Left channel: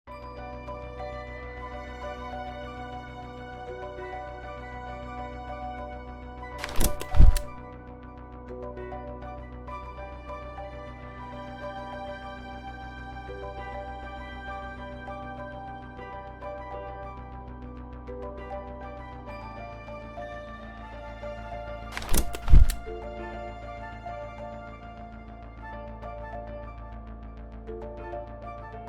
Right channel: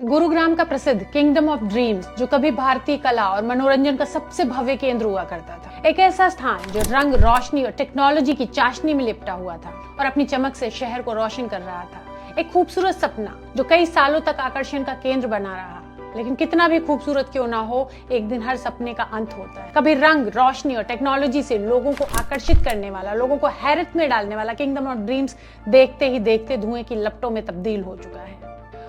गुरुग्राम का प्रसिद्ध kingdom of dreams, जो कभी भारतीय कला और मनोरंजन का सबसे भव्य केंद्र हुआ करता था, एक ऐसा स्थान जो रंग, रोशनी और टेक्नोलॉजी की चाशनी में लिपटा हुआ था और अपनी चमक से शहर को रोशन कर रहा था। एक खूबसूरत सपना जो कई सालों तक आकर्षण का केंद्र बना रहा। लेकिन कितना भी खूबसूरत क्यों ना हो, एक दिन हर सपने का अंत होता है। कभी रंग, रोशनी और टेक्नोलॉजी से लोगों को आकर्षित करने वाला, लोगों को हैरत में डालने वाला किंगडम ऑफ ड्रीम्स देखते ही देखते धुएं की लपटों में तब्दील हो चुका है।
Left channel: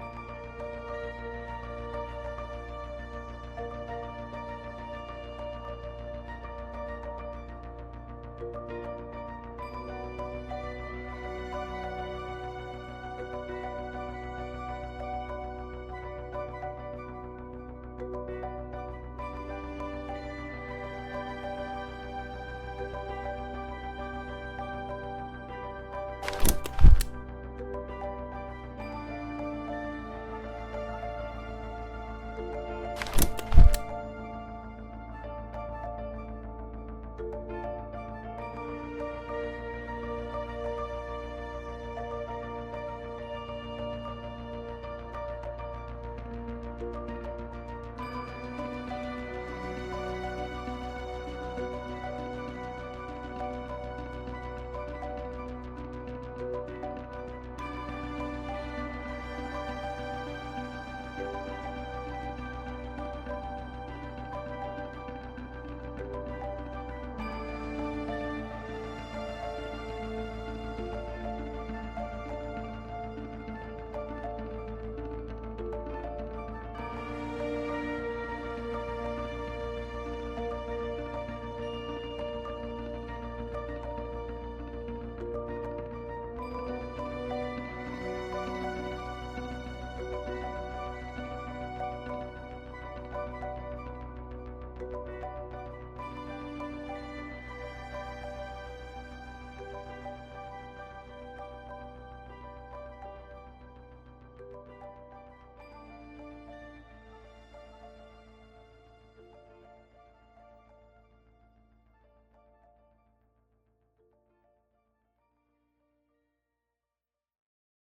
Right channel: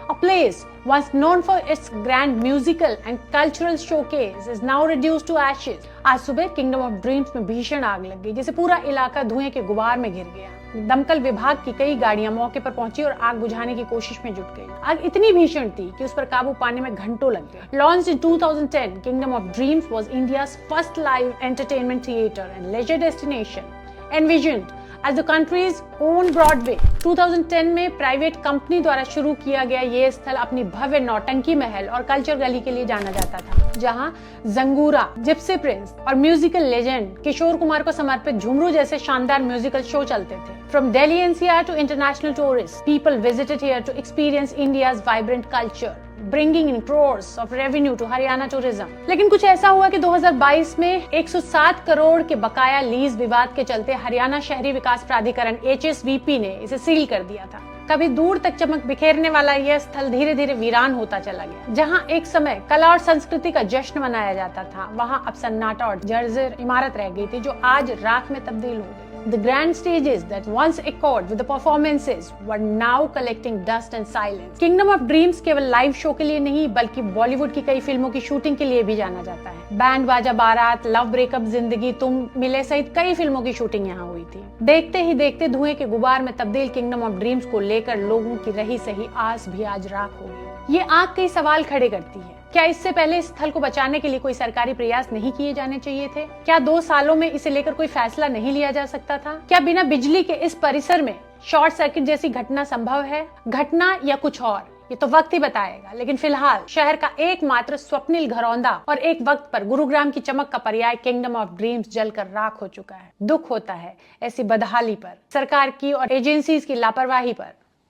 A place once known for its grand musical and cultural showcase is now reduced to ashes. आज सुबह किंगडम ऑफ ड्रीम्स में भीषण आग लग गई, जिसे पूरा इलाका धुएं के गुबार में घिर गया। दमकल विभाग की कई गाड़ियां मौके पर पहुंची और आग बुझाने की कोशिश में जुट गई। आग इतनी भीषण थी कि उस पर काबू पाने में घंटों लग गए। Launched in 2010, Kingdom of Dreams was India's first live entertainment theater and leisure destination. Envisioned as the country's own Broadway, 2010 में प्राइवेट कंपनी द्वारा शुरू किया गया ये स्थल अपनी भव्य नौटंकी महल और कल्चर गली के लिए जाना जाता था, जहां जंगूरा, जिप्सी प्रिंस और म्यूजिकल लेजेंड किशोर कुमार को समर्पित झुमरू जैसे शानदार म्यूजिकल शो चलते थे। From Delhi NCR to international tourists, people visited here to experience India's vibrant culture, bringing in crores of revenue to Haryana tourism. लेकिन कुछ ऐसा हुआ कि 2022 में 107 करोड़ के बकाया लीज विवाद के चलते हरियाणा शहरी विकास प्राधिकरण HSVP ने इसे सील कर दिया था। कभी दूर तक चमक बिखेरने वाला यह स्थल धीरे धीरे वीरान होता चला गया। जहां एक समय कला और संस्कृति का जश्न मनाया जाता था, वहां अब सन्नाटा और जर्जर इमारत रह गई थी, जो आज राख में तब्दील हो गई। The grand stages that once echoed with the performances were now collecting dust and silence. Kingdom of Dreams केवल लाइव शो के लिए नहीं, बल्कि बॉलीवुड की कई फिल्मों की शूटिंग के लिए भी जाना जाता है। बैंड बाजा बारात, लव ब्रेकअप, जिंदगी तुम मिले सहित कई फिल्मों की शूटिंग यहाँ हुई थी। देखते ही देखते धुएं के गुबार में तब्दील किंगडम ऑफ ड्रीम्स को लेकर लोगों की रही सही आस भी आज राख हो गई। ये आग कई सवाल खड़े करती है। क्या इससे पहले इस स्थल को बचाने के लिए कोई सरकारी प्रयास नहीं किए जाने चाहिए थे? क्या 2 सालों में इसे लेकर कोई फैसला नहीं लिया जा सकता था? क्या बिना बिजली के इस परिसर में शॉर्ट सर्किट जैसी घटना संभव है? घटना या कुछ और, ये तो वक्त ही बताएगा। लेकिन फिलहाल शहर का एकमात्र स्वप्निल घरौंदा और एक वक्त पर गुरुग्राम की चमक का पर्याय किंगडम ऑफ ड्रीम्स जलकर राख हो चुका है। दुख होता है ऐसी बदहाली पर, सरकार की और एजेंसीज की लापरवाही पर।